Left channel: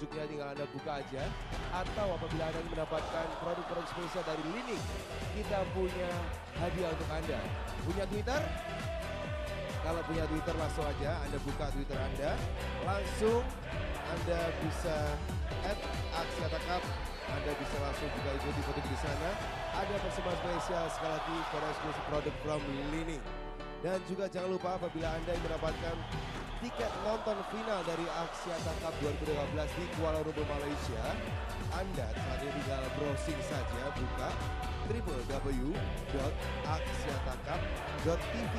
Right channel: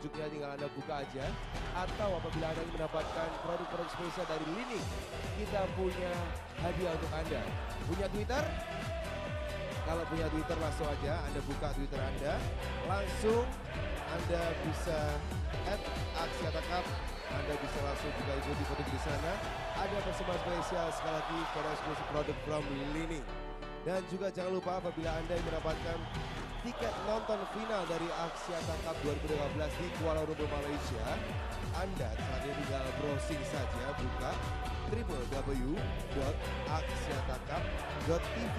selanjutnya tinggal Anda buka aja. Atau apabila Anda mendapatkan produk-produk spesial dari Lini, kita punya hadiah untuk Anda. Punya Twitter? Kalau punya Twitter langsung aja Anda buka Twitter Anda. Langsung Anda bisa @Axiata Cup. Anda bisa langsung juga ikuti produk di sana. Ada persembahan spesial sekali lagi para eksklusif produk from Lini. Dan juga jangan lupa apabila Anda mendapatkan tiket nonton final dari Axiata Cup 2015 di Kuala Lumpur, Malaysia, Anda hanya tinggal browsing saja, buka www.axiatacup.tv.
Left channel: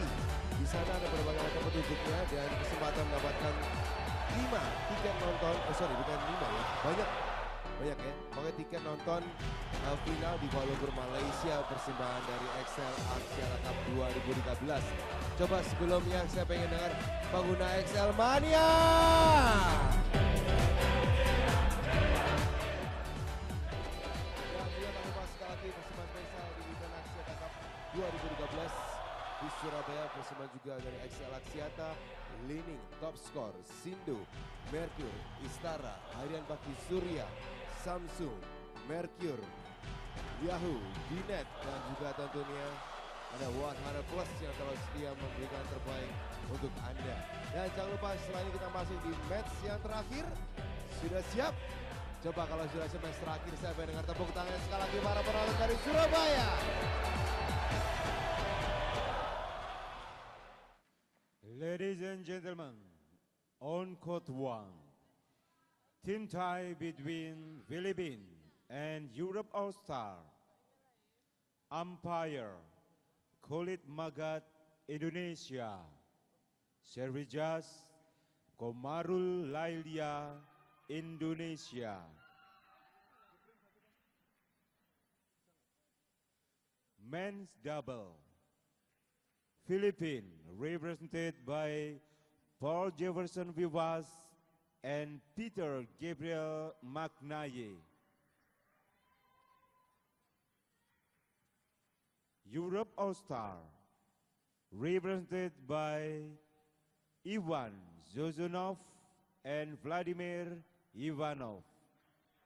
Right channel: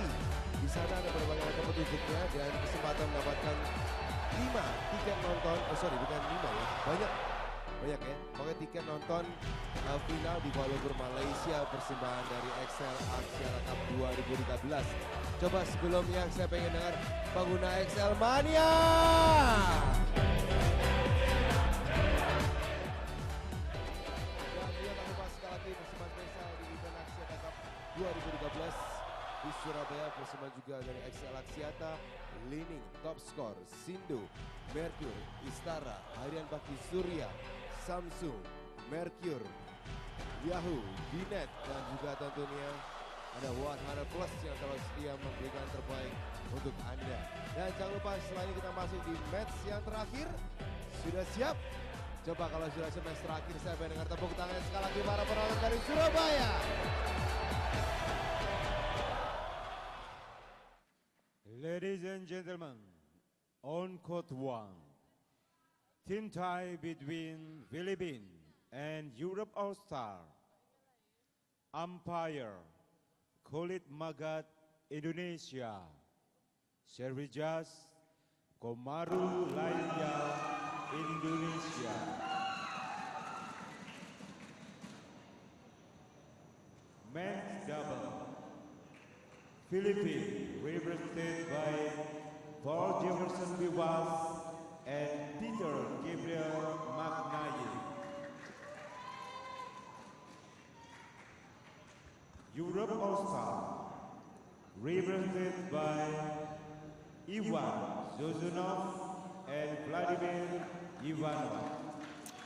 Di sana ada beberapa petunjuknya dan kesempatan mendapatkan 5 tiket nonton, bukan 5 ya, banyak ya. Pokoknya tiket nonton final di Kuala Lumpur, Malaysia, persembahan dari XL Axiata Cup 2013. Coba sebelumnya saya pengen dengar pengguna XL Mania. Dan dia terima sekali persembahan spesial di event Axiata Cup 2013 di Surabaya, persembahan juga dari XL Axiata, Lini, Top Score, Sindu, Merkur, Istara, Harian Bakti Surya, Samsung, Merkur, Yahoo, Binet, dan juga tentunya ada 100 Plus yang terus setia memberikan terbaik untuk Anda. Dan jangan lupa setelah ini kita masuk di match yang terakhir. Sudah siap? Coba kalau sudah siap match terakhir, saya beri dengan tepuk tangan sekali lagi para penonton dari Surabaya. Ladies and gentlemen, on court 1, team tie between Philippines and Europe All-Star. Umpire, Kulit Magat, Indonesia. Servijas, Komaru Lainnya, Indonesia. Men's double. Philippines, represented by Jefferson Vivas and P.G.Magnaye. Europe All-Star, represented by I.Sozonov and Vladimir V.Ivanov.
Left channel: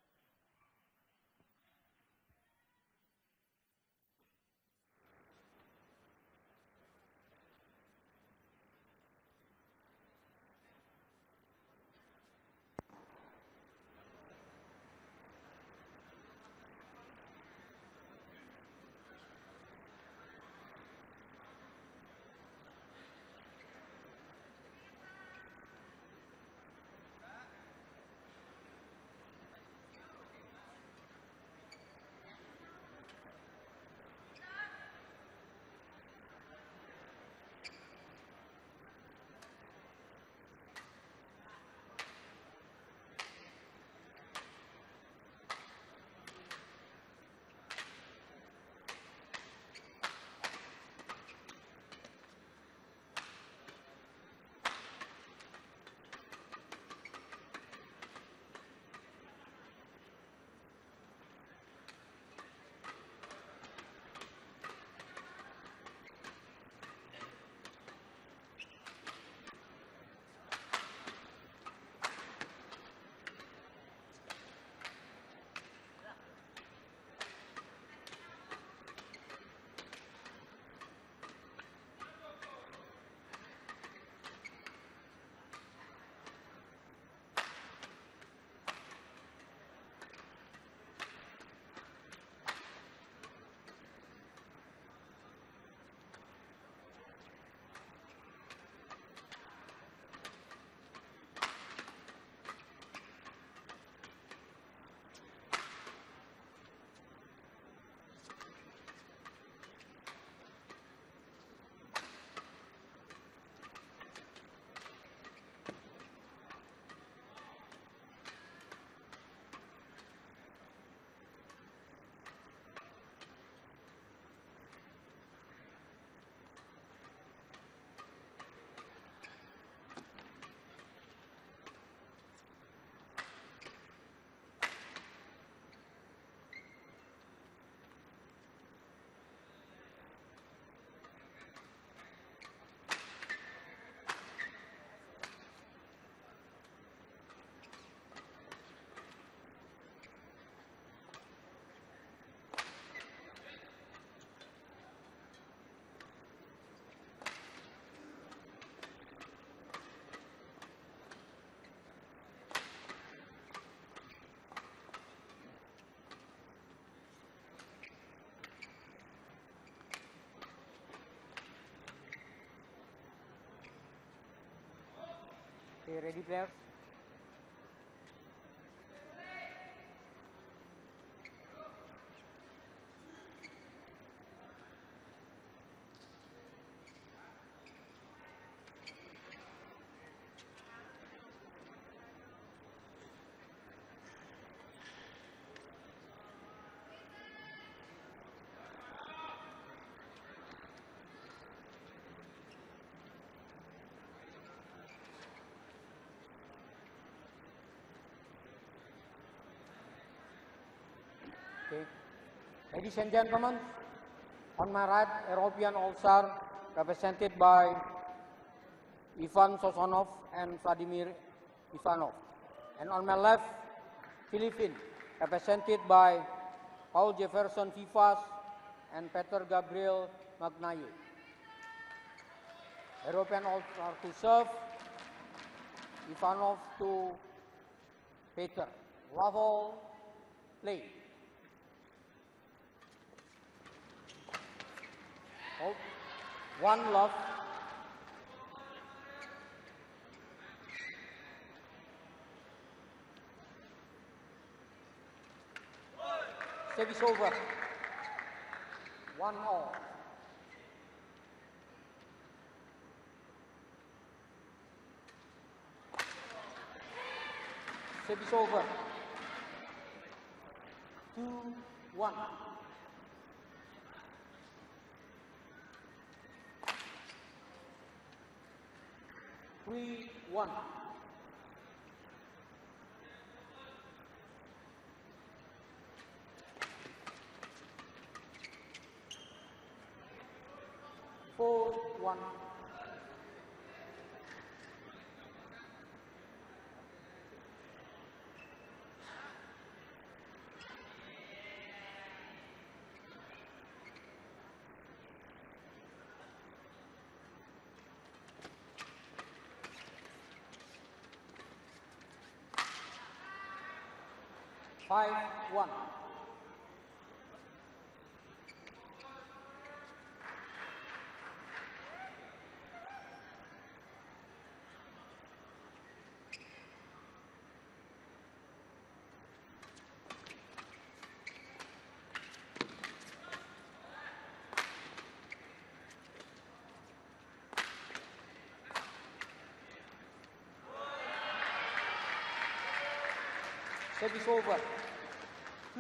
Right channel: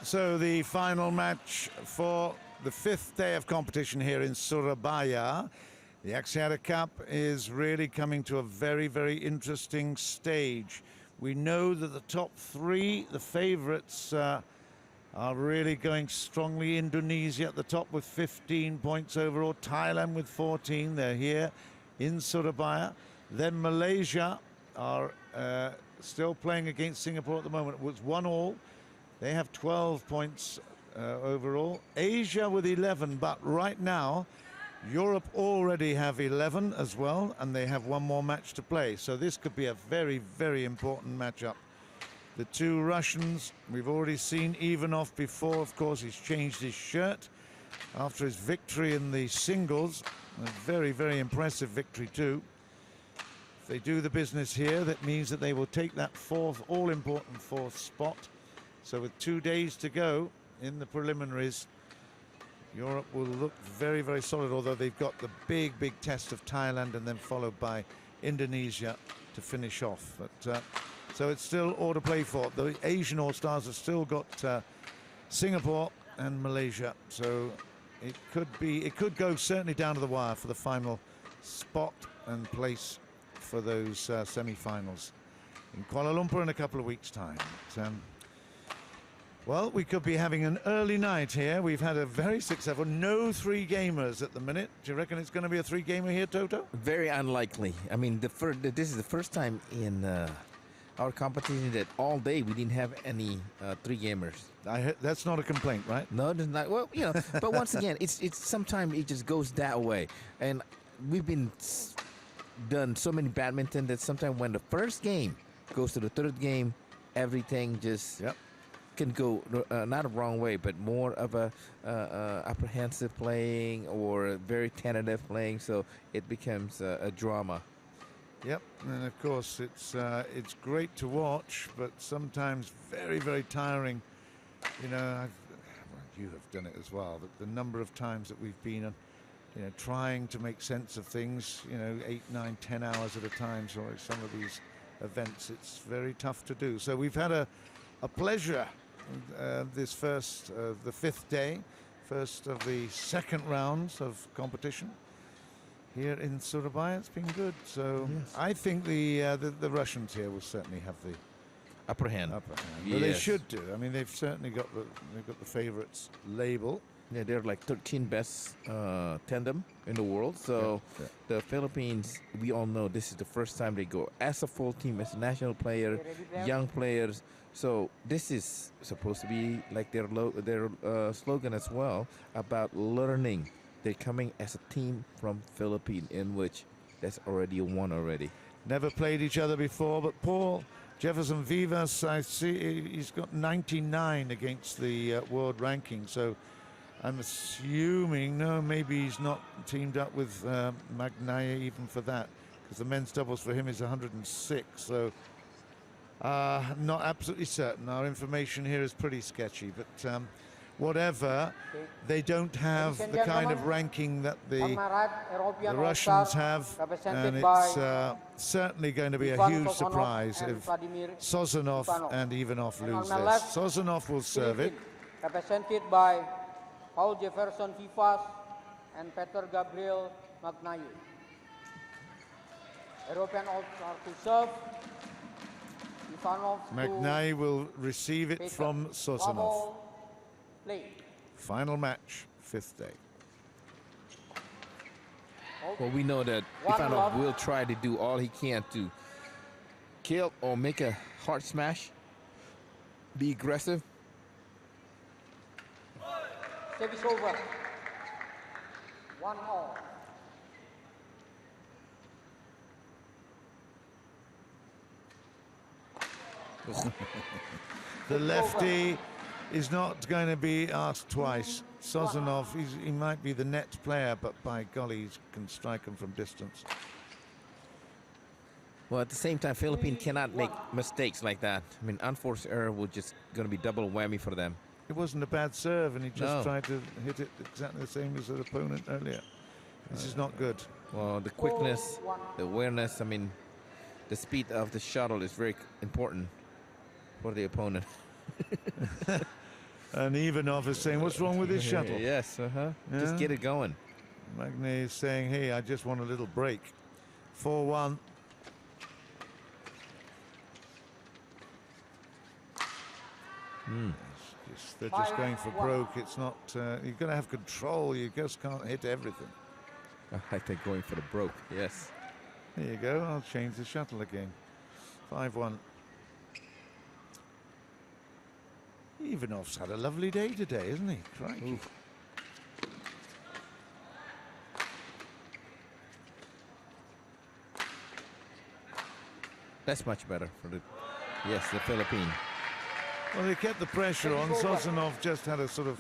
So the final match for the 5th day of competition here in Surabaya. The Axiata Cup is really coming to a very, very interesting stage. We know that the top 3, the favourites, are really going strongly. Indonesia at the top with 15 points overall. Thailand with 14. They're here in Surabaya. Then Malaysia are still playing against Singapore at the moment. It was 1-1. They have 12 points overall. Asia with 11, but right now Europe already have 11 as well, and they have one more match to play. So this could be a very, very important matchup. The two Russians, we've already seen Ivanov before. Of course, he's changed his shirt after his victory in the singles. A very, very impressive victory too. If they do the business here, that means that they will take that all-important fourth spot. So with 2 days to go in the preliminaries, Europe will look very, very solid, although they've got the big, big test of Thailand and then followed by Indonesia to finish off. But so it's still all to play for. The Asian All-Stars have still got Singapore and Malaysia. So it could go certainly down to the wire for the final spot and place for those semi-finals in Kuala Lumpur in a couple of weeks' time. But, well, we could be having an early night here. We've had a very successful, no 3-gamers at the minute. Do you reckon it's going to be a 3-gamer here, Toto? Very unlikely. I mean, this is the first time in our competition that all day we didn't have any 3-gamers. That's not a complaint, right? No, it's not. Well, you know, but once again, it's sometimes it just goes that way. And we've been done so many badminton that sometimes when the first game goes to the third game, everything just can go not a wrong way, but more of a apprehensive playing or very tentative playing, so it becomes a drama. Yep, and of course it's great to watch, but sometimes very, very tiring. You know, you have done it as well, but the number of times that we've been trying to make sense of things, 8, 9, 10 hours at a time, so some of these events, it's very tough to do. So we've had a pleasure this first, the fifth day, first of the second rounds of competition here in Surabaya. It's been good. So I think the Russians here will certainly have the Upper hand. Well, they should do. I mean, they've certainly got the favourites label. Yeah, they're like 13 best tandem in the world. So the Philippines, we all know this is the first time they go as a full team, as a national player, young players. So this is supposed to be like their slogan as well, about learning. They're coming as a team from Philippines, in which that's already won already. Never played each other before, but Paul Jefferson Vivas, I see he's got 99 against the world ranking. So I'm assuming, no, maybe he's not teamed up with Magnaye even for that, because the men's doubles for him is 106. So I'm not absolutely certain. Our information here is pretty sketchy, but whatever, they don't have the kind of ranking that the Russians have, and it's certainly going to be a huge surprise if Sozonov and Ivanov lose this. Sozonov will serve it. Represented by Paul Jefferson Vivas and Gabriel Magnaye. European are to serve. Ivanov Magnaye will receive it from Sozonov. Final match, fifth day. Well, we know that Ivanov will try to do all he can to kill or make a hard smash, be aggressive. Service over. 1-all. The lefty is not going to be asked twice. Sozonov, he might be the net player, but by golly, he can strike him from distance. Well, at the same time, Philippines cannot make mistakes like that. I mean, unforced error will just going to be double whammy for them. It wasn't a bad serve, and he just tried to hit it exactly the same as his opponent earlier. This is not good. Well, the quickness, the awareness, I mean, the speed of the shuttle is very important for the opponent. And Ivanov is saying, what's wrong with his shuttle? Yes, just get it going. Magnaye is saying, hey, I just want a little break. 4-1. They're just going for broke. It's not, you've got to have control. You just can't hit everything. I think going for the broke, yes. There you go. I'll change the shuttle again. 5-1. Ivanov's had a lovely day today, isn't he? Crikey. That's much better for the Philippines. Well, they kept the pressure on. Sozonov just had a sort of,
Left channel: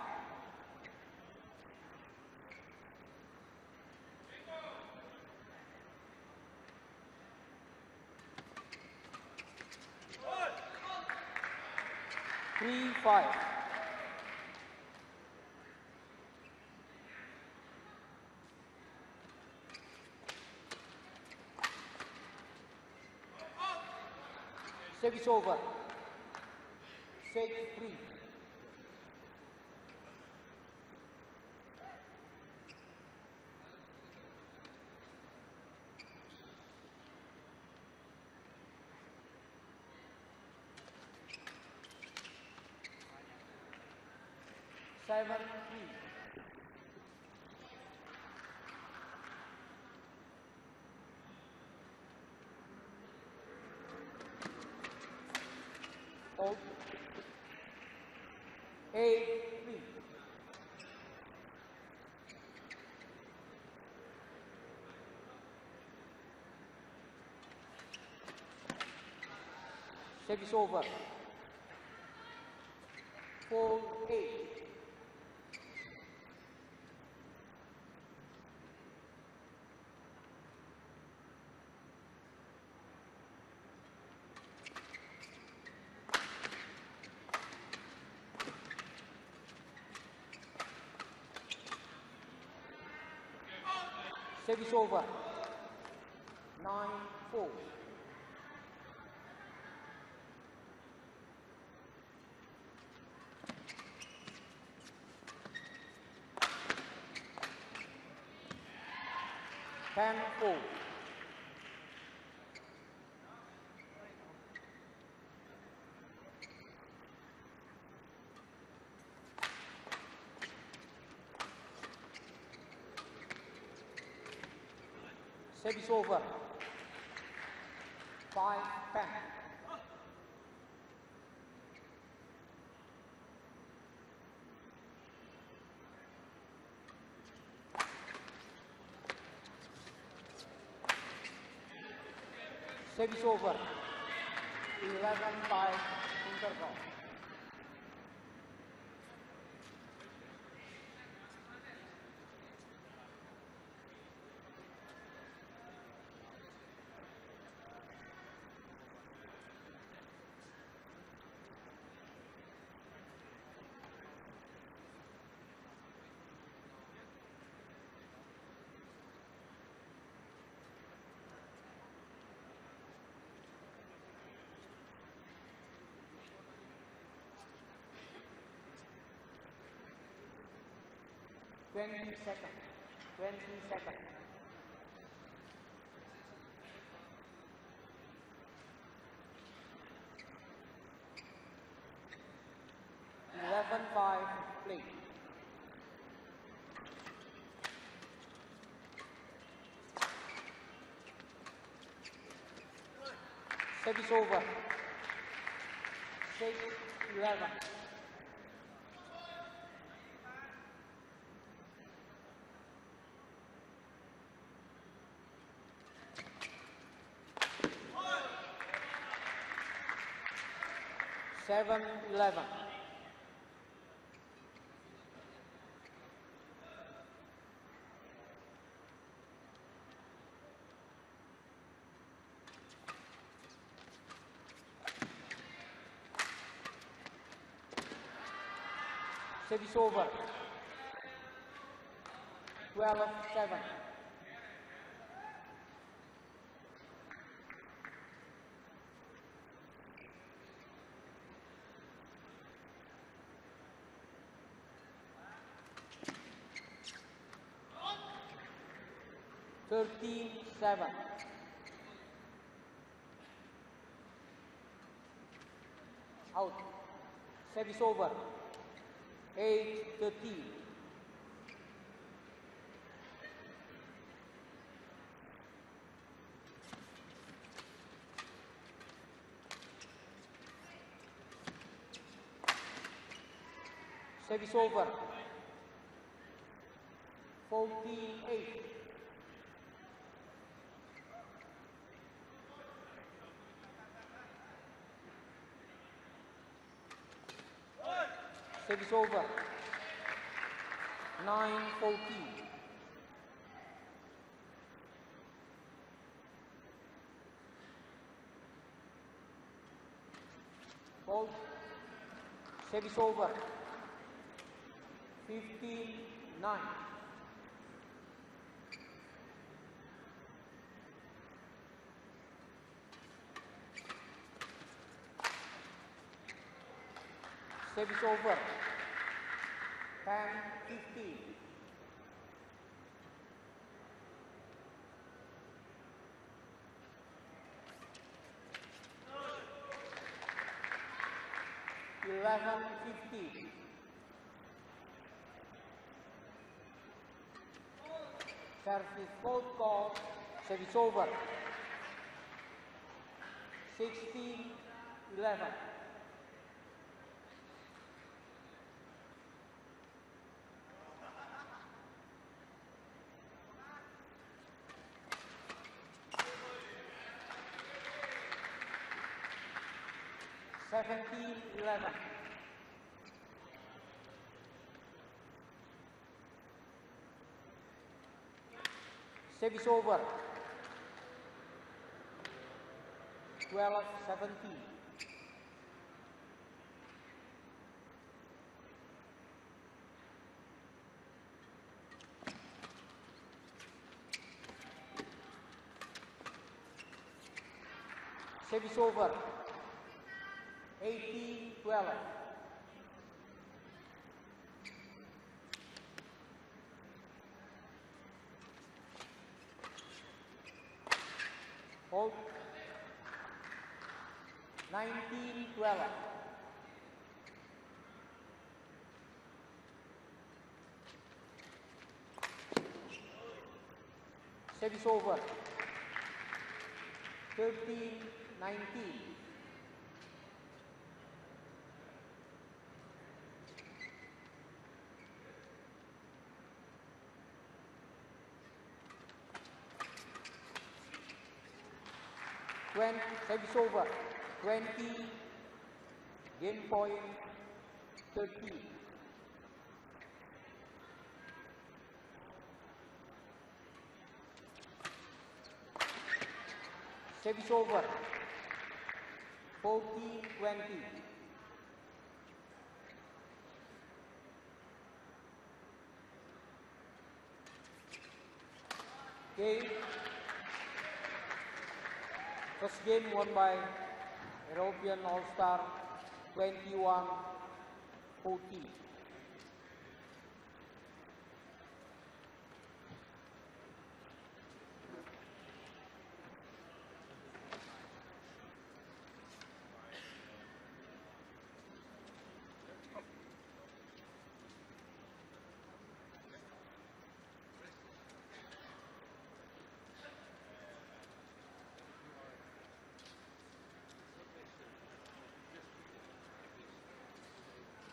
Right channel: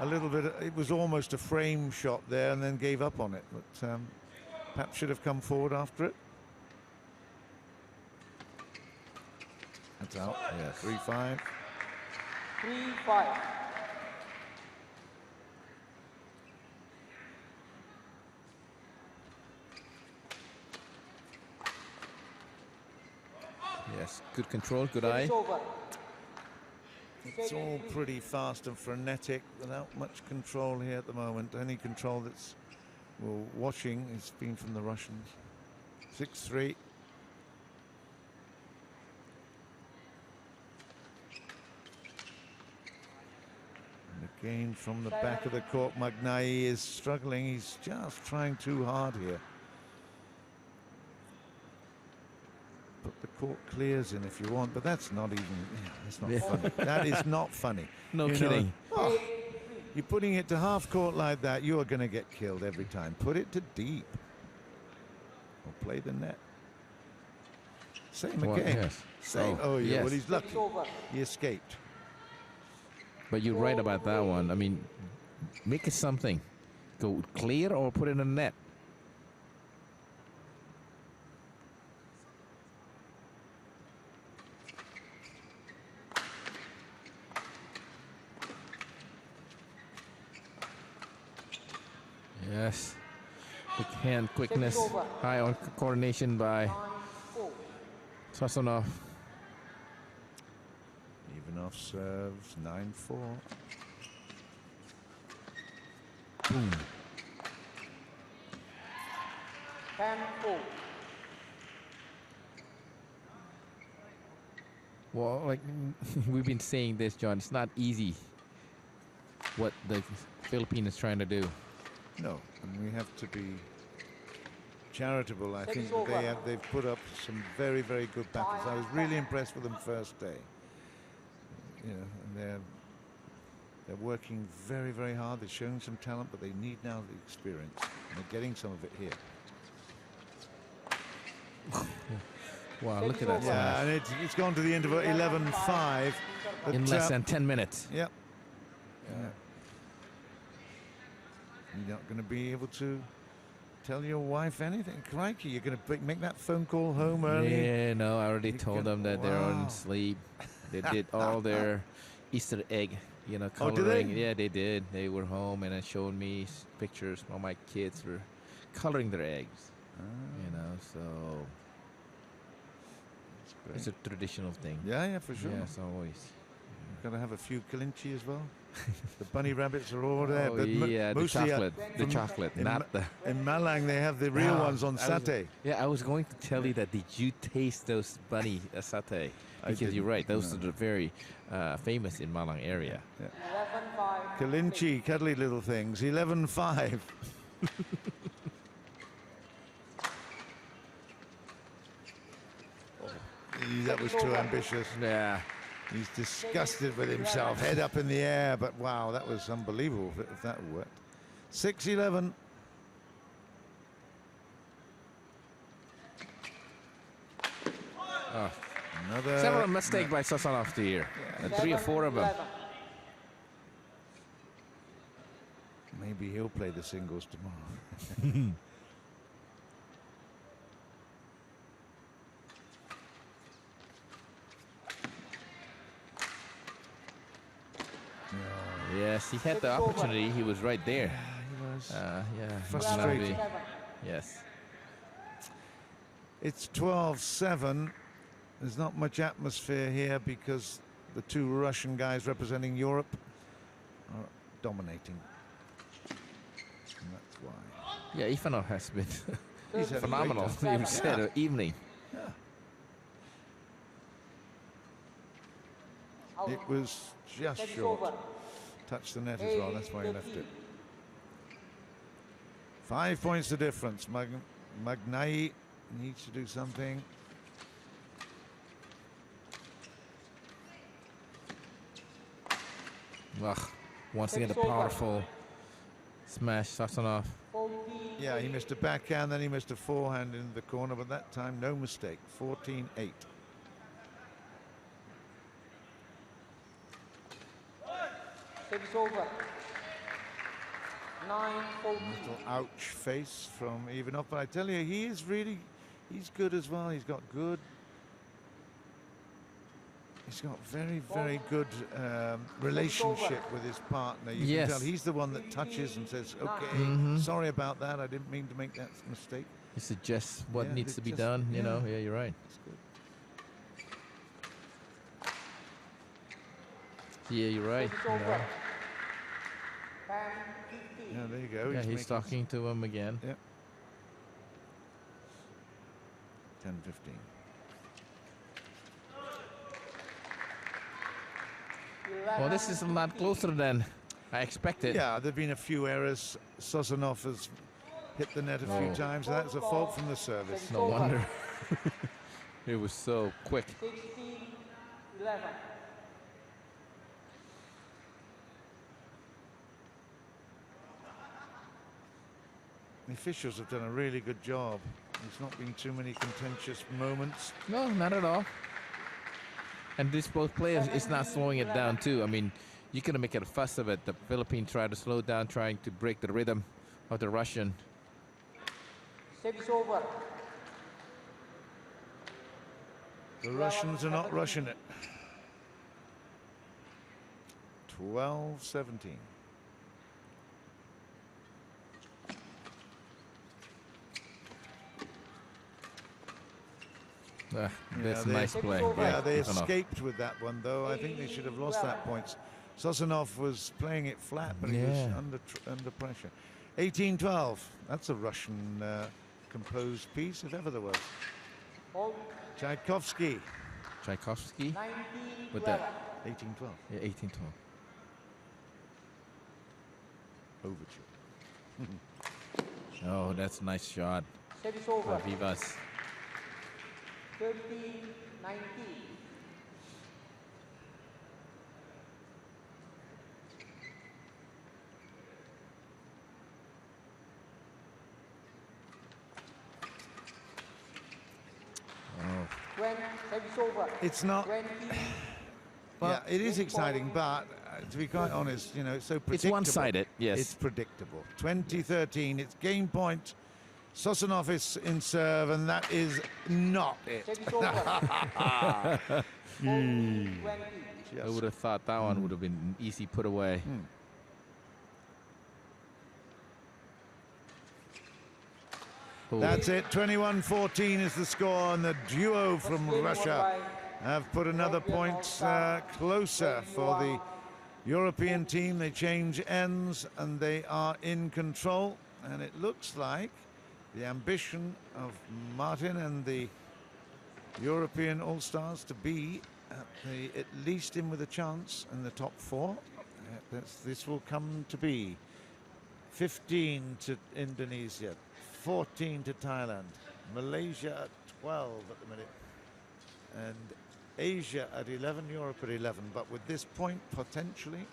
a little bit, it was almost a frame shot there and then gave up on it. But perhaps should have come forward after it. That's out. Yeah, 3-5. 3-5. Yes, good control, good eye. It's all pretty fast and frenetic without much control here at the moment. Any control that's watching has been from the Russians. 6-3. Again from the back of the court, Magnaye is struggling. He's just trying too hard here. Put the court clears in if you want, but that's not even, that's not funny. That is not funny. No kidding. You're putting it to half court like that, you are going to get killed every time. Put it to deep. Or play the net. Same again. Yes. Same. Oh, yeah. Yes. Well, he's lucky. He escaped. But you're right about that one. I mean, make it something. Go clear or put it in the net. Yes. Quick hand quickness. High on coordination by Sozonov. V.Ivanov serves 9-4. Boom. 10-4. Well, like we've been saying this, John, it's not easy what the Philippines is trying to do. No, and we have to be charitable. I think Six over. they've put up some very, very good battles. I was really impressed with them first day. You know, and they're working very, very hard. They're showing some talent, but they need now the experience. And they're getting some of it here. Wow, look at that. Yeah, and it's gone to the interval 11-5. In less than 10 minutes. Yep. You're not going to be able to tell your wife anything. Crikey, you're going to make that phone call home early. Yeah, no, I already told them that they're on Wow. sleep. They did all their Easter egg, Oh, did coloring. they? Yeah, they did. They were home and then showed me pictures while my kids were coloring their eggs. So it's a traditional thing. Yeah, for sure. Yes, always. Got to have a few kalinchi as well. The bunny rabbits are all there. Oh, but yeah, the mostly chocolate, in not the... in Malang they have the real ones on satay. I was going to tell you that. Did you taste those bunny satay? I Because you're didn't, right. Those no. are very famous in Malang area. 11-5. Kalinchi, cuddly little things. 11-5. That was too ambitious. Yeah. He's disgusted with himself. Head up in the air, but wow, that was unbelievable if that worked. 6-11. Another Several mistakes by I.Sozonov here. 3 or 4 of them. 11. Maybe he'll play the singles tomorrow. Yes, he had the opportunity. He was right there. Frustrated. Yes. It's 12-7. There's not much atmosphere here because the two Russian guys representing Europe are dominating. And that's why. Yeah, Ivanov has been He's had a great phenomenal. time. You said evening. It was just short. Touched the net as well, that's why he left it. 5 points the difference. Magnaye needs to do something. Ugh. Once again, the powerful smash, I.Sozonov. Yeah, he missed a backhand, then he missed a forehand in the corner, but that time no mistake. 14-8. Six over. 9-14. Little ouch face from Ivanov, but I tell you, he's good as well. He's got very, very good relationship with his partner. You Yes. can tell he's the one that touches and says, okay, sorry about that. I didn't mean to make that mistake. He suggests what Yeah, needs they to be just- done, you yeah. know. Yeah, you're right. Yeah, you're right. Six you over. know. 10-15. Yeah, there you go. Yeah, he's making- talking to him again. Yeah. 10-15. Well, this is a lot closer than I expected. Yeah, there have been a few errors. Sozonov has hit the net a few times, and that's a fault from the service. No wonder. It was so quick. 16-11. The officials have done a really good job. There's not been too many contentious moments. No, not at all. And this both players is not slowing it down too. I mean, you couldn't make a fuss of it. The Philippines tried to slow down, trying to break the rhythm of the Russian. 6 over. The Russians are not rushing it. 12-17. That's they- nice play. Yeah, they Ivanov. escaped with that one, though. I think they should have lost that points. Sozonov was playing it flat, but he was Yeah. under pressure. 18-12. That's a Russian composed piece, if ever there was. Hold. Tchaikovsky, Tchaikovsky 19, with that 18-12. 18-12. Overture. Oh, that's a nice shot. Service over. Vivas. 13, 19. Oh, 20, service over. It's not. 20, Yeah, it is exciting, but to be quite honest, you know, it's so it's predictable. one-sided. Yes. It's predictable. 2013, it's game point. Sozonov is in serve, and that is not it. service over. 14, 20. I would have thought that one would have been an easy put away. Oh, That's it. 21-14 is the score, and the duo from Russia have put another point closer for the European team. They change ends, and they are in control. And it looks like the ambition of Martin and the European All-Stars to be at least in with a chance in the top four. This will come to be 15 to Indonesia, 14 to Thailand, Malaysia at 12 at the minute, and Asia at 11, Europe at 11. But with this point, potentially,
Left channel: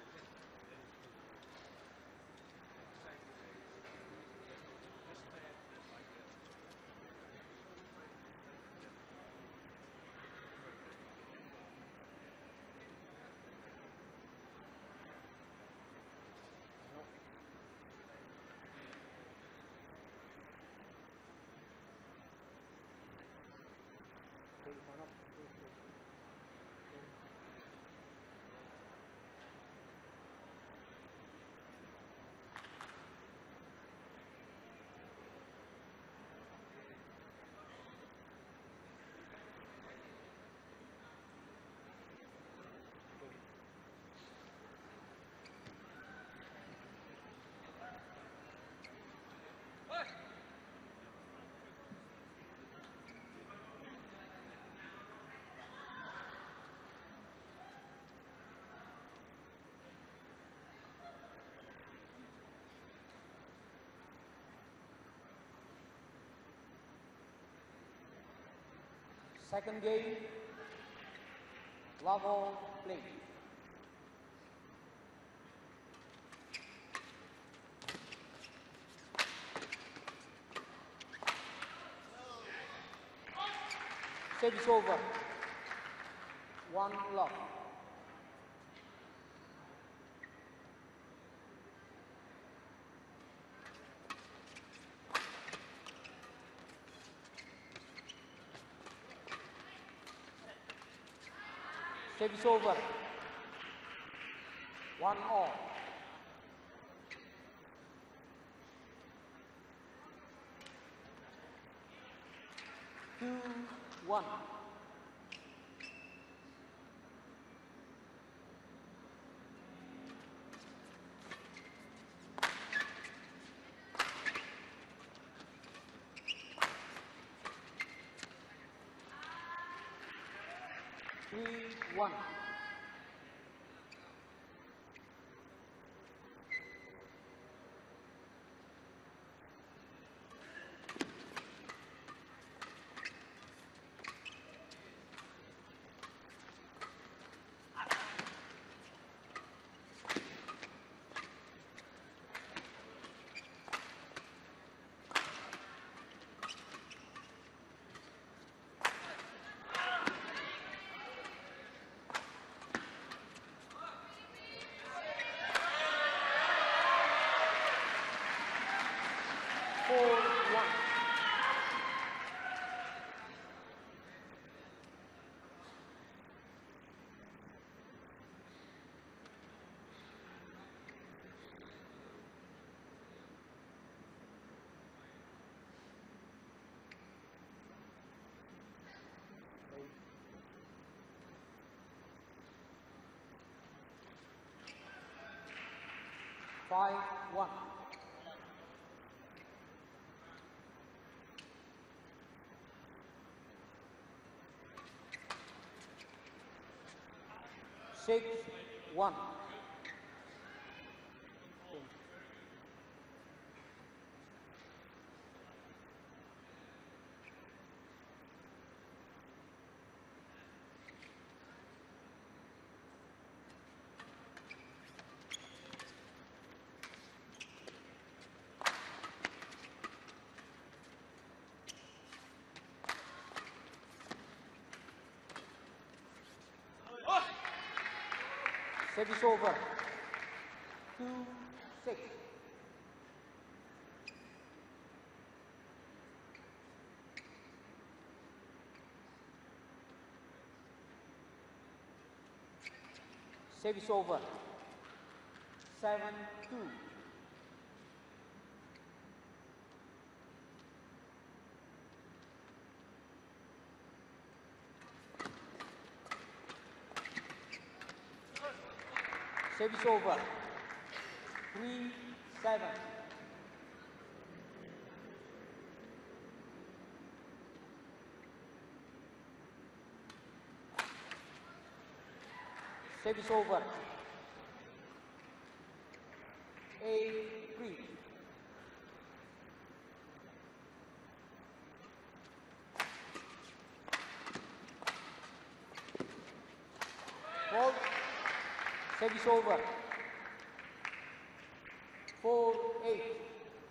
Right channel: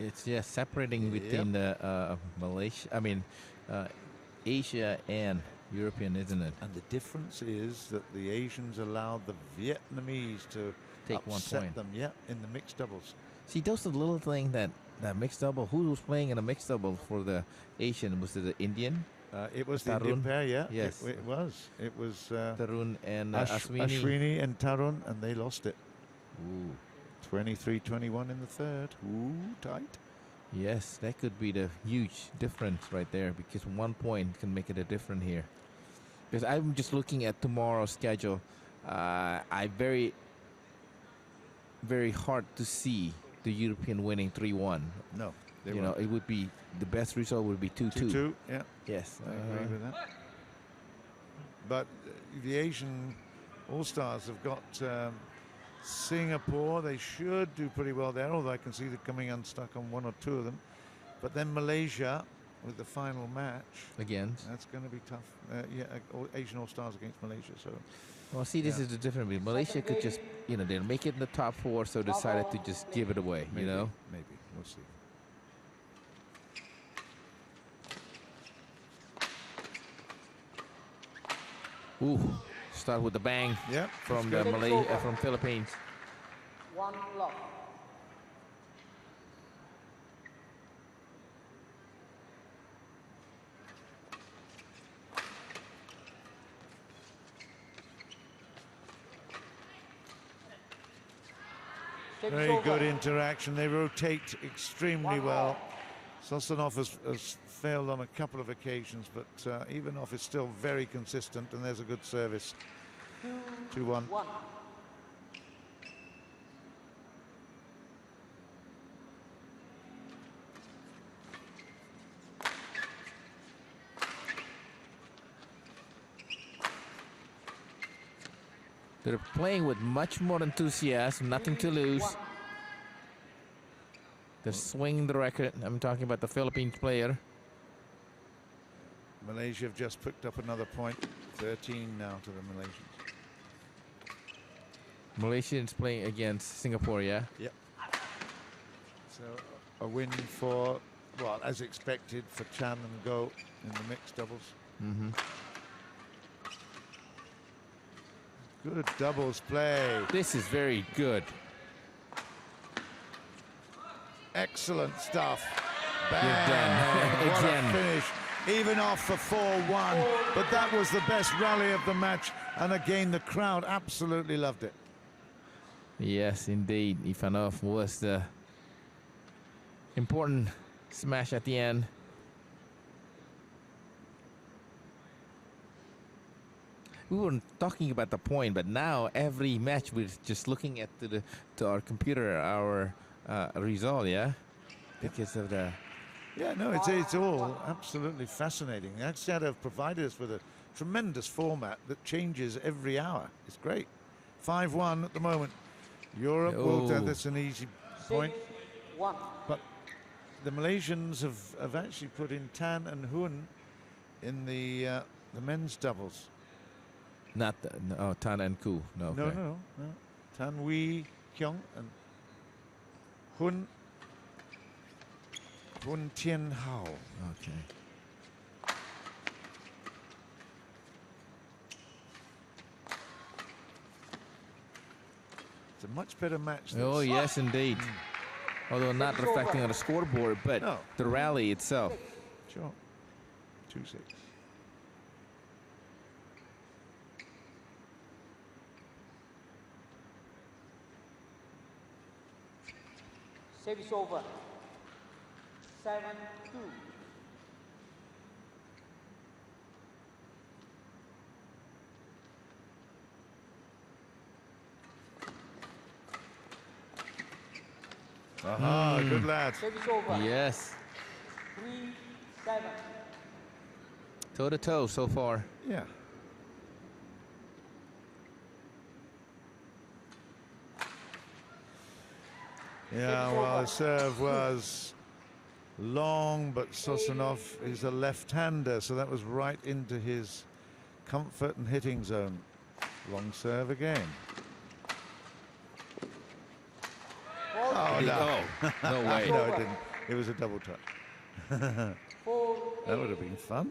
it's separating between the Malaysia. I mean, Asia and European, isn't it? and the difference is that the Asians allowed the Vietnamese to Take 1 upset point. them, in the mixed doubles. See, those are the little thing that mixed double. Who was playing in a mixed double for the Asian? Was it the Indian? It was the Indian Tarun? pair, Yes. It was. It was Tarun and Ashwini. Ashwini and Tarun, and they lost it. Ooh. 23-21 in the third. Ooh, tight. Yes, that could be the huge difference right there, because 1 point can make it a difference here. Because I'm just looking at tomorrow's schedule. I very hard to see the European winning 3-1. No, they You know, it would be the best result would be 2-2. 2-2, yeah. Yes. I agree with that. But the Asian All-Stars have got Singapore. They should do pretty well there, although I can see them coming unstuck on 1 or 2 of them. But then Malaysia with the final match. Again. That's going to be tough. Asian All-Stars against Malaysia. So Well, see, this is the difference. Malaysia could just, they'll make it in the top 4, so decided to just give it away, maybe, you know? maybe. We'll see. Ooh, start with the bang Yeah. from the from Philippines. 1 block. Service Very over. good interaction. They rotate extremely well. Sozonov has failed on a couple of occasions, but Ivanov is still very consistent, and there's a good service. 2-1. 1. They're playing with much more enthusiasm, nothing to lose. They're swinging the record. I'm talking about the Philippines player. Malaysia have just picked up another point. 13 now to the Malaysians. Malaysians playing against Singapore, yeah? Yep. So a win for, well, as expected, for Chan and Go in the mixed doubles. Mm-hmm. Good doubles play. This is very good. Excellent stuff. Good Bang. done. What a Again. finish. Even off for 4-1. But that was the best rally of the match. And again, the crowd absolutely loved it. Yes, indeed. Ivanov was the important smash at the end. we weren't talking about the point, but now every match we're just looking at to our computer, our result, yeah, because of the. Yeah, no, it's all absolutely fascinating. Axiata have provided us with a tremendous format that changes every hour. It's great. 5-1 at the moment. Europe will that's an easy point. 6-1. But the Malaysians have actually put in Tan and Hun in the men's doubles. Not Tan and Ku. No, okay. No. Tan Wee Kyung and Hun Tian Hao. Okay. It's a much better match. Oh, yes, indeed. Although not reflecting on the scoreboard, but No. the rally itself. Sure. 2-6. Service over. 7-2. Aha, good lad. Service over. Yes. 3-7. Toe to toe so far. Yeah. Yeah, well, the serve was long, but I.Sozonov is a left-hander, so that was right into his comfort and hitting zone. Long serve again. Oh, no. No way. No, it didn't. It was a double touch. That would have been fun.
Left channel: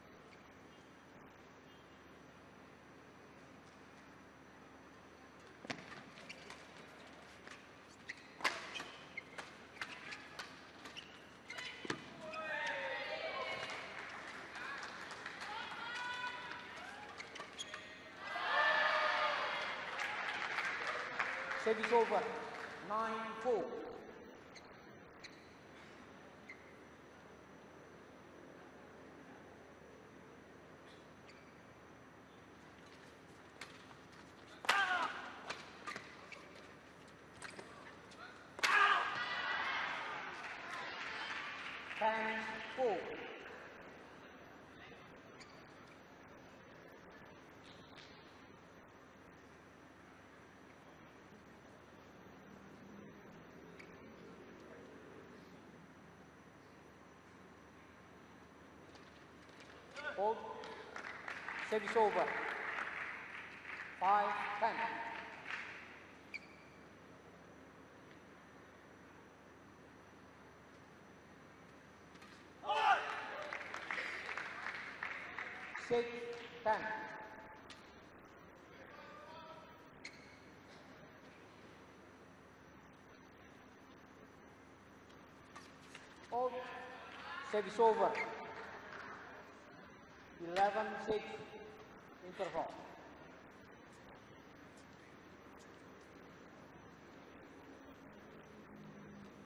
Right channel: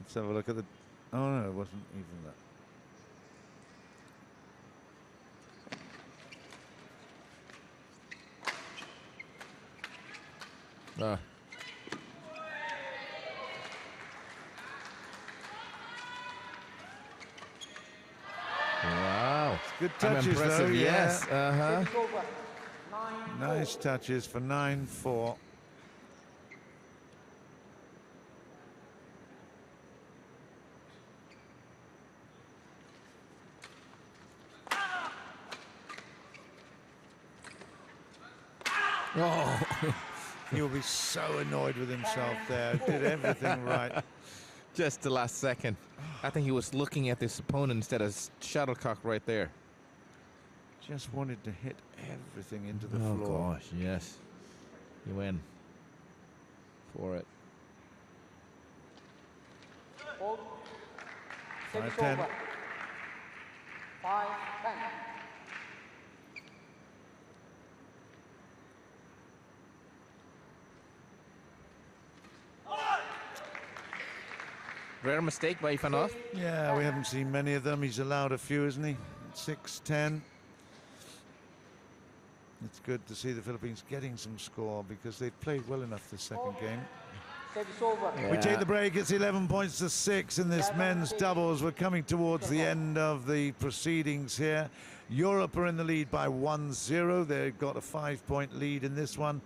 Let's have a look at the... Oh, no, it wasn't even that. Wow. Good touches, impressive, though. yes. Yeah. Service over. 9-4. Nice touches for 9-4. Oh. He'll be so annoyed with himself there. Did everything right. Just the last second. I think he was looking at his opponent instead of shuttlecock right there. Just wanted to hit everything into the floor. Oh, gosh, yes. He went for it. Hold. Service 5-10. over. 5-10. Rare mistake by Ivanov. Yeah, we haven't seen many of them. He's allowed a few, isn't he? 6-10. It's good to see the Philippines getting some score because they've played well enough this second game. Service over. We take the break. It's 11 points to 6 in this men's doubles. We're coming towards the end of the proceedings here. Europe are in the lead by 1-0. They've got a 5-point lead in this one.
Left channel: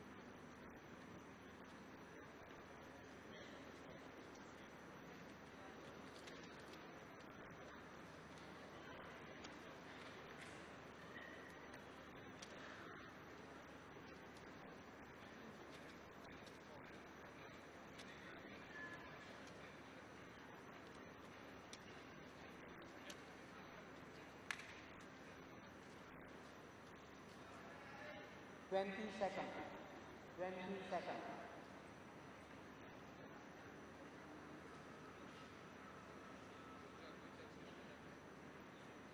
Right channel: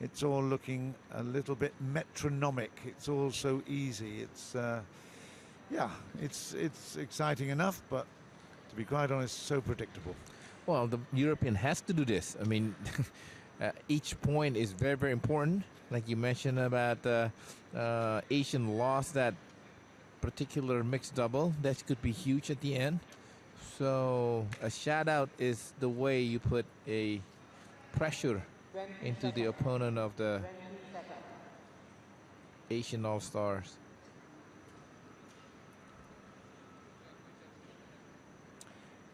It's all looking a little bit metronomic. It's all so easy. It's yeah, it's exciting enough, but to be quite honest, so predictable. Well, the European has to do this. I mean, each point is very, very important. Like you mentioned about Asian lost that particular mixed double. That could be huge at the end. So a shout out is the way you put a pressure into the opponent of the Asian All-Stars.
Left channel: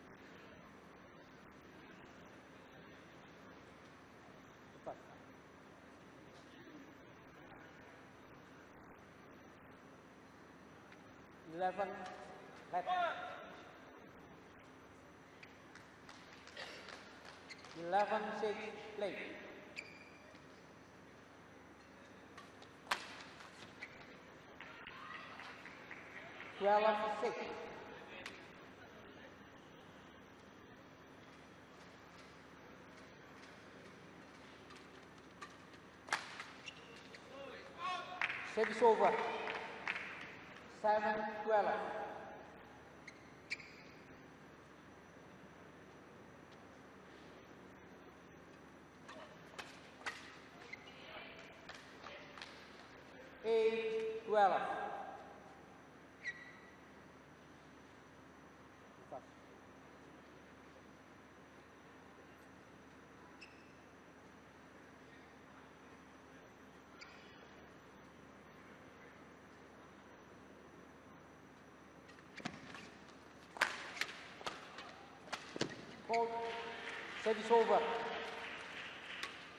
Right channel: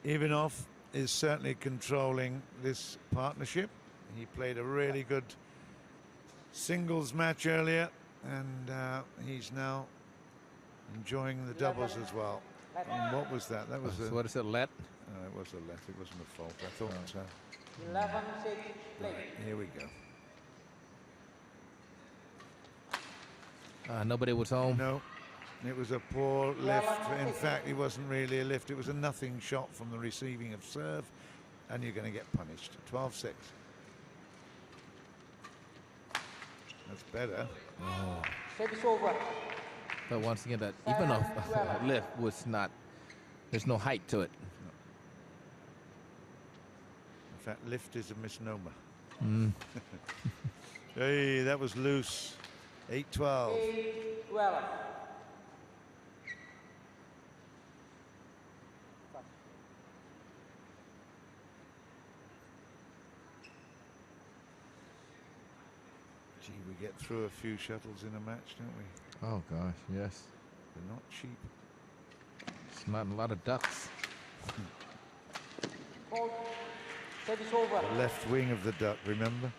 Ivanov is certainly controlling this partnership. He played a really good singles match earlier, and he's now enjoying the doubles as well. And what was that? That was So a... what is it, let? No, it was a let. It wasn't a fault. I thought... 11-6 late. Here we go. Nobody was home. No, it was a poor lift. In fact, it wasn't really a lift. It was a nothing shot from the receiving of serve, and you're going to get punished. 12-6. That's better. Service over. But once again, that Ivanov lift was not. There's no height to it. In fact, lift is a misnomer. Hey, that was loose. 8-12. 8-12. Gee, we get through a few shuttles in a match, don't we? Oh gosh, yes. They're not cheap. It's not a lot of ducks. Service over. The left wing of the duck, remember?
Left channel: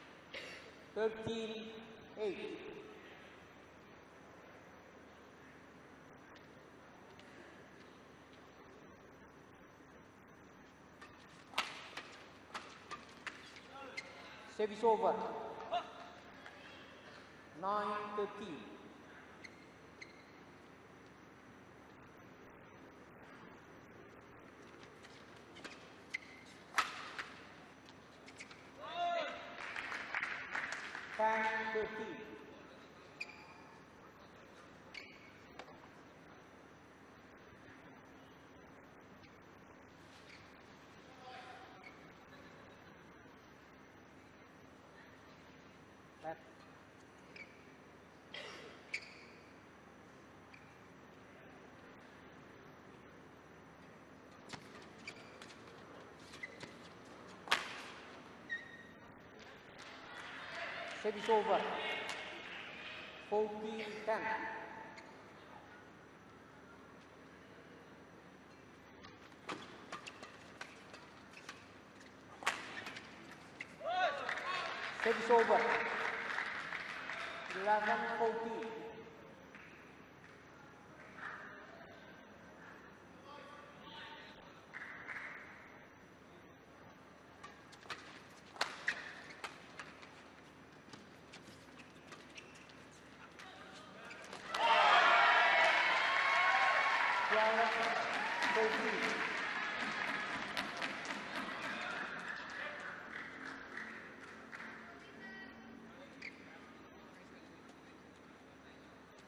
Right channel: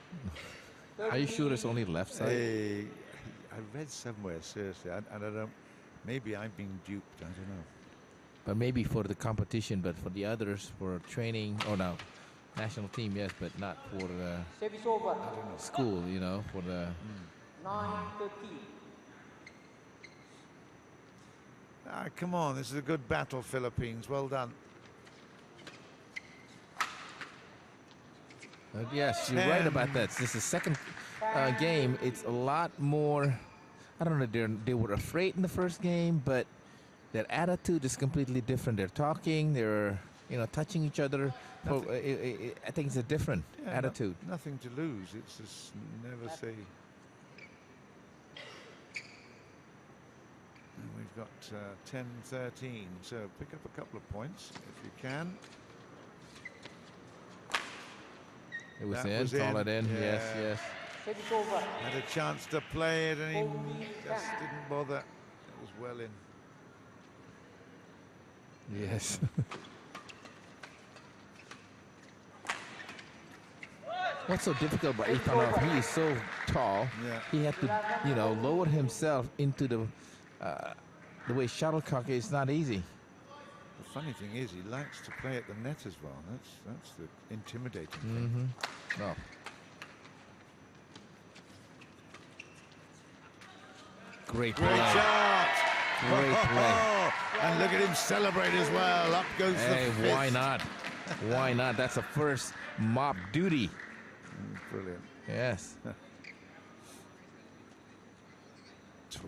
Are you sure it's only left side? Hey, I read somewhere, seriously, and I don't, maybe I'm being duped, I don't know. But maybe for the competition, but for the others, for training, oh no, national team, yes, but not for the Service over. school, you know, for the... 9-13. Ah, come on, this is a good battle, Philippines. Well done. Yes, you're right about that. This is the second game. It's a lot more, I don't know, they were afraid in the first game, but their attitude is completely different. They're talking, they're, you know, touching each other. So, I think it's a different attitude. Nothing to lose. It's just never say. And we've got 10-13. So pick up a couple of points if you can. It was That in, was call in. it in, yes, Yeah. yes. Service over. Had a chance to play it and he just didn't bother. It was well in. Yes. What's so difficult about Ivanov? He is so tall. Yeah. He had to, you know, lower himself into the way shuttlecock is not easy. The funny thing is he likes to play at the net as well. That's the intimidating thing. Mm-hmm. No. Great play. Great shot! Great play. And look at him celebrate as well. Up goes the Hey, fifth. why not? Why not? That's a first mop duty. Brilliant. Yes.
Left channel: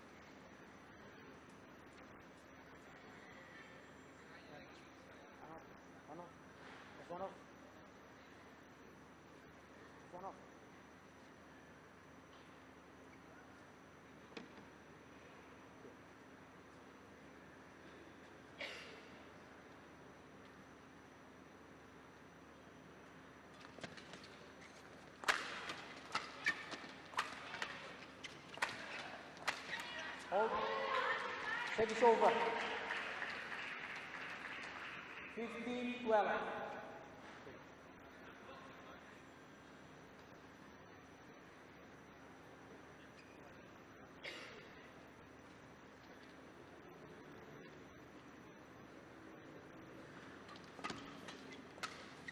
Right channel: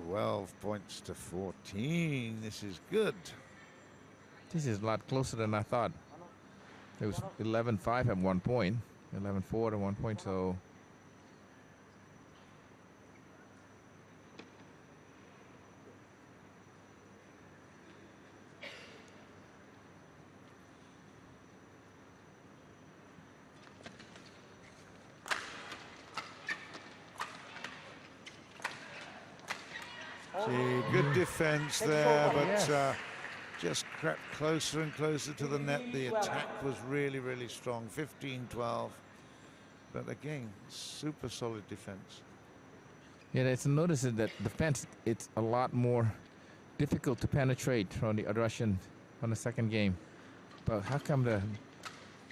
12 points to 14. This is good. This is a lot closer than I thought. It was 11-5 at one point, 11-4 at one point, so... See, good defense there, but just crept closer and closer to the net. The attack was really, really strong. 15-12. But again, super solid defense. Yeah, it's noticed that defense, it's a lot more difficult to penetrate from the Russian on the second game. But how come the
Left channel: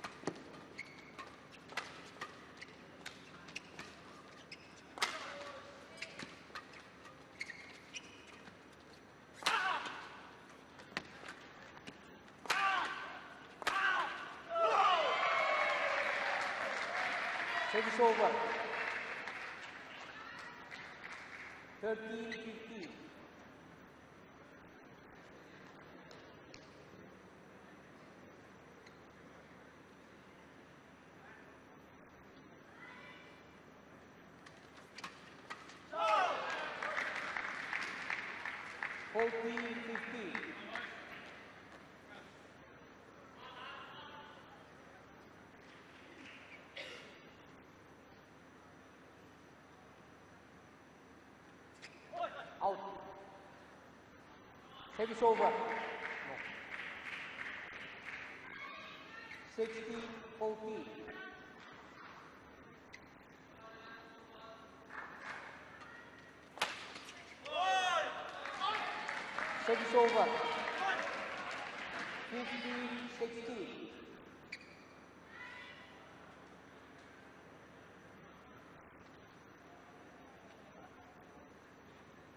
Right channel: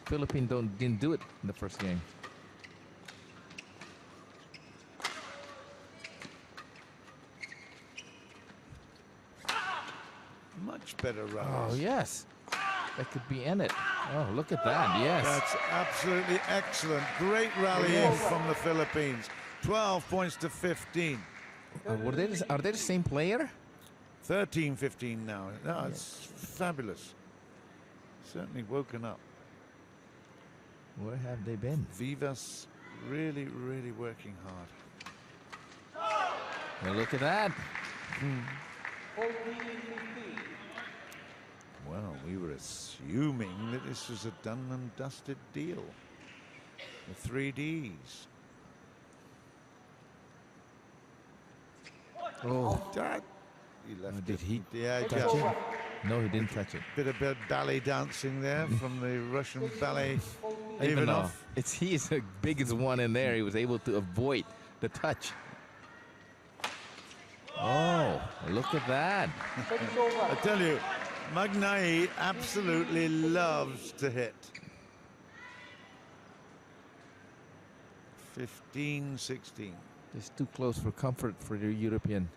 Philippines didn't do it in the first game? Much better run. Oh, yes. That could be in it. Oh, look at that. Yes. That's absolutely excellent. Great rallying from the Philippines. 12 points to 15. Are they the same player? 13-15 now. No, it's fabulous. Certainly woken up. Where have they been? Vivas really, really working hard. Well, look at that. Well, we were assuming that this was a done and dusted deal. The 3Ds. Oh, That, he left did it. he Yeah, touch just it? No, he didn't touch it. bit of ballet dancing there from the Russian ballet Ivanov. He is the biggest one in there. He was able to avoid the touch. Oh, look at that. I tell you, Magnaye absolutely loves to hit. 15-16. It's too close for comfort for the European.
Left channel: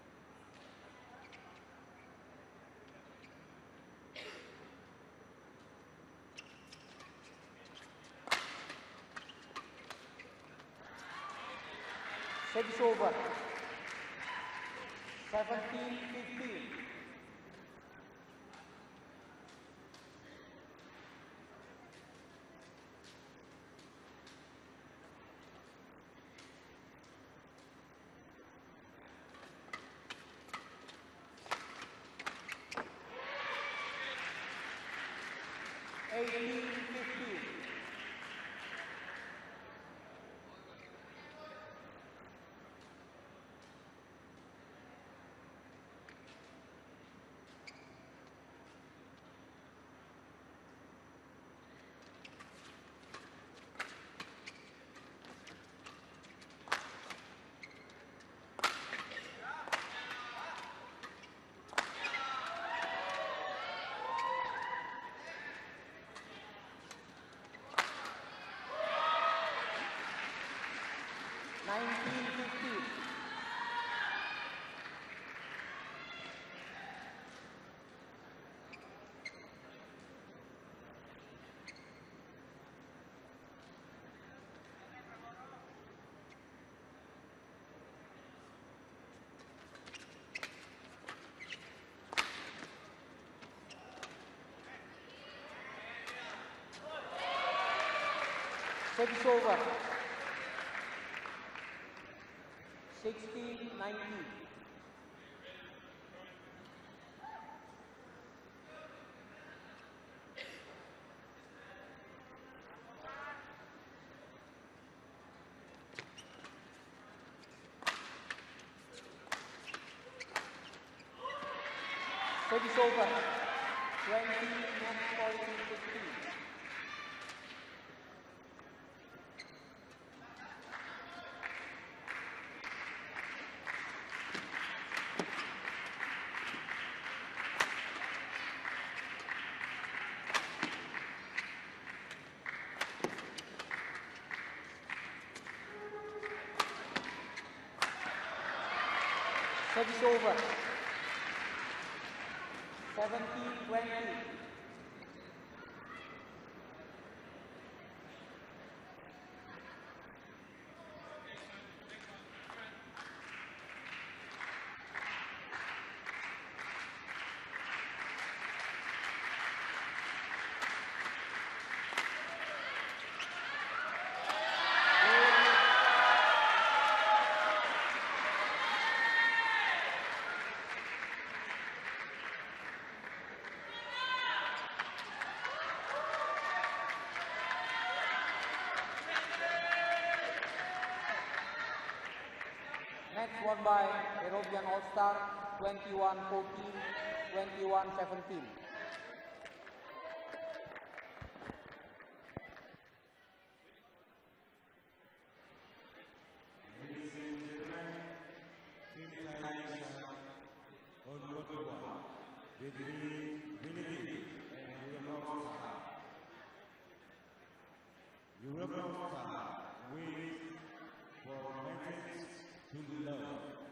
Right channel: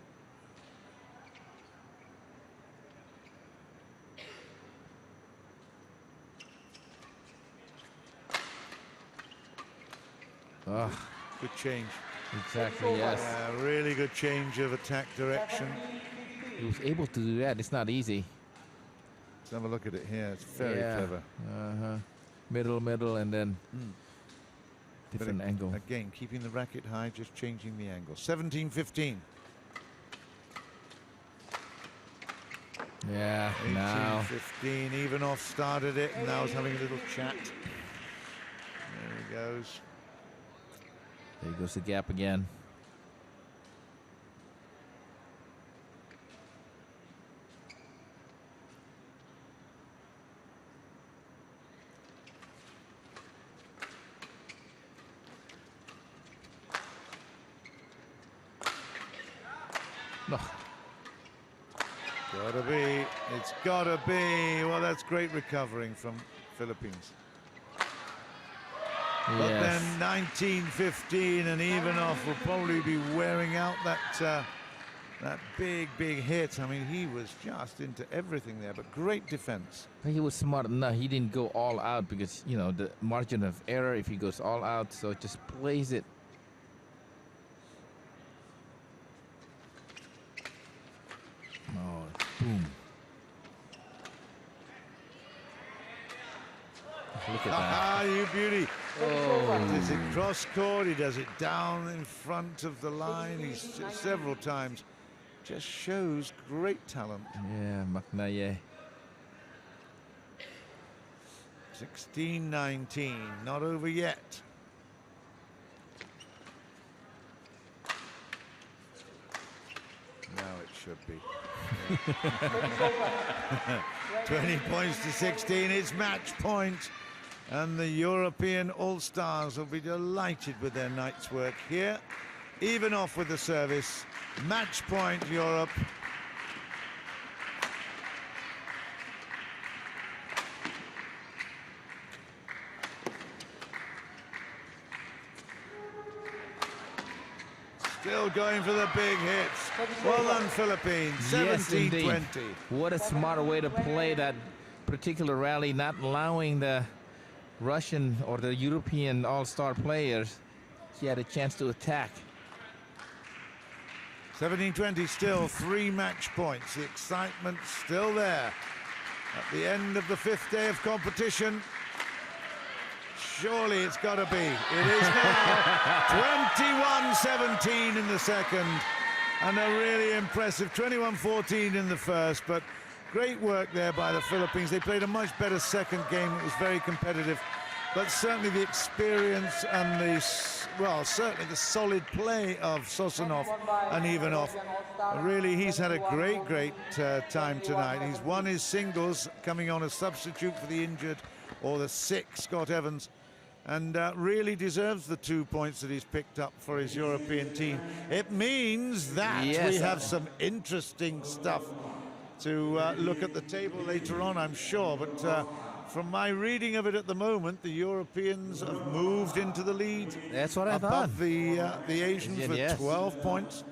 Ah, Good change. exactly, yes. Really good change of attack direction. He was able to do that. It's not easy. Let's have a look at it here. It's very Yeah. clever. Middle, and then But different angle. Again, keeping the racket high, just changing the angle. 17-15. Yeah, now. 18-15. Ivanov started it, and now is having a little chat. There he goes. There goes the gap again. Gotta be. It's gotta be. Well, that's great recovering from Philippines. But then 19-15, and Ivanov will probably be wearing out that that big hit. I mean, he was just into everything there, but great defense. He was smart enough. He didn't go all out because, you know, the margin of error if he goes all out, so just plays it. Oh, boom. Look at that. Ah, you beauty. Oh. He does it cross court, he does it down in front of the line, he's several times. Just shows great talent. Yeah, Magnaye. 16-19, not over yet. Now it should be. 20 points to 16, it's match point. And the European All-Stars will be delighted with their night's work here. Ivanov with the service. Match point, Europe. Still going for the big hits. Well done, Philippines. 17-20. What a smart way to play that particular rally, not allowing the Russian or the European all-star players. She had a chance to attack. 17-20 still, 3 match points. The excitement still there. At the end of the 5th day of competition, surely it's got to be. It is now. 21-17 in the second, and a really impressive 21-14 in the first, but great work there by the Philippines. They played a much better second game. It was very competitive, but certainly the experience and the, well, certainly the solid play of Sozonov and Ivanov. Really, he's had a great time tonight. He's won his singles, coming on as substitute for the injured or the sick Scott Evans, and really deserves the 2 points that he's picked up for his European team. It means that we have some interesting stuff to look at the table later on, I'm sure, but from my reading of it at the moment, the Europeans have moved into the lead. That's what I thought. Above the Asians with 12 points,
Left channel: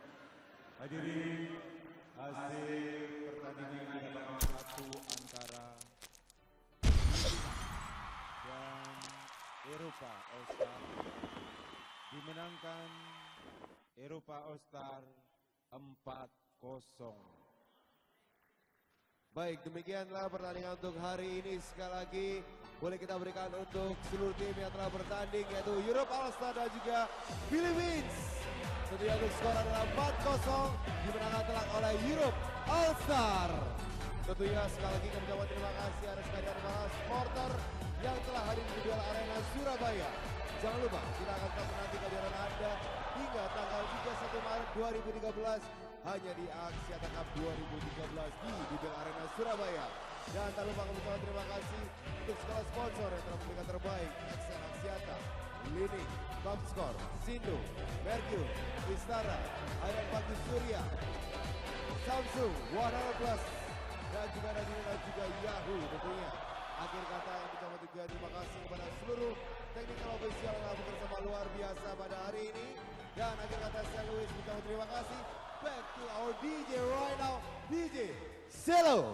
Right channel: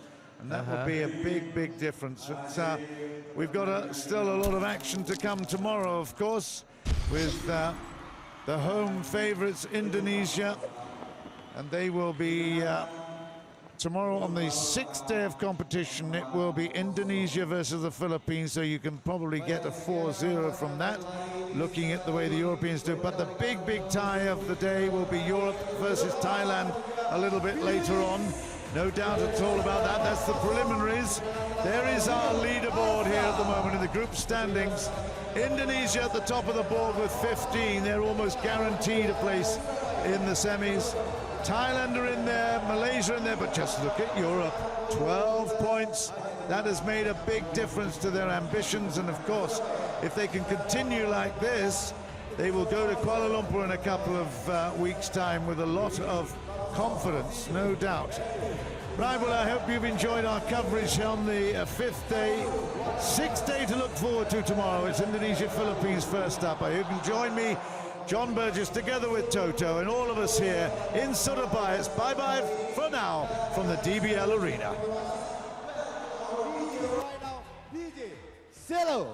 and that will be a big difference. But, we've got still a lot of action to come tomorrow, of course, with the home favourites, Indonesia, and they will be tomorrow on the 6th day of competition. It will be Indonesia versus the Philippines, so you can probably get a 4-0 from that, looking at the way the Europeans do. But the big tie of the day will be Europe versus Thailand a little bit later on. No doubt at all about that. That's the preliminaries. There is our leaderboard here at the moment in the group standings. Indonesia at the top of the board with 15. They're almost guaranteed a place in the semis. Thailand are in there, Malaysia in there, but just look at Europe. 12 points. That has made a big difference to their ambitions, and of course, if they can continue like this, they will go to Kuala Lumpur in a couple of weeks' time with a lot of confidence, no doubt. Right, well, I hope you've enjoyed our coverage on the 5th day. 6th day to look forward to tomorrow. It's Indonesia-Philippines first up. I hope you can join me, John Burgess, together with Toto and all of us here in Surabaya. It's bye-bye for now from the DBL Arena. Zero.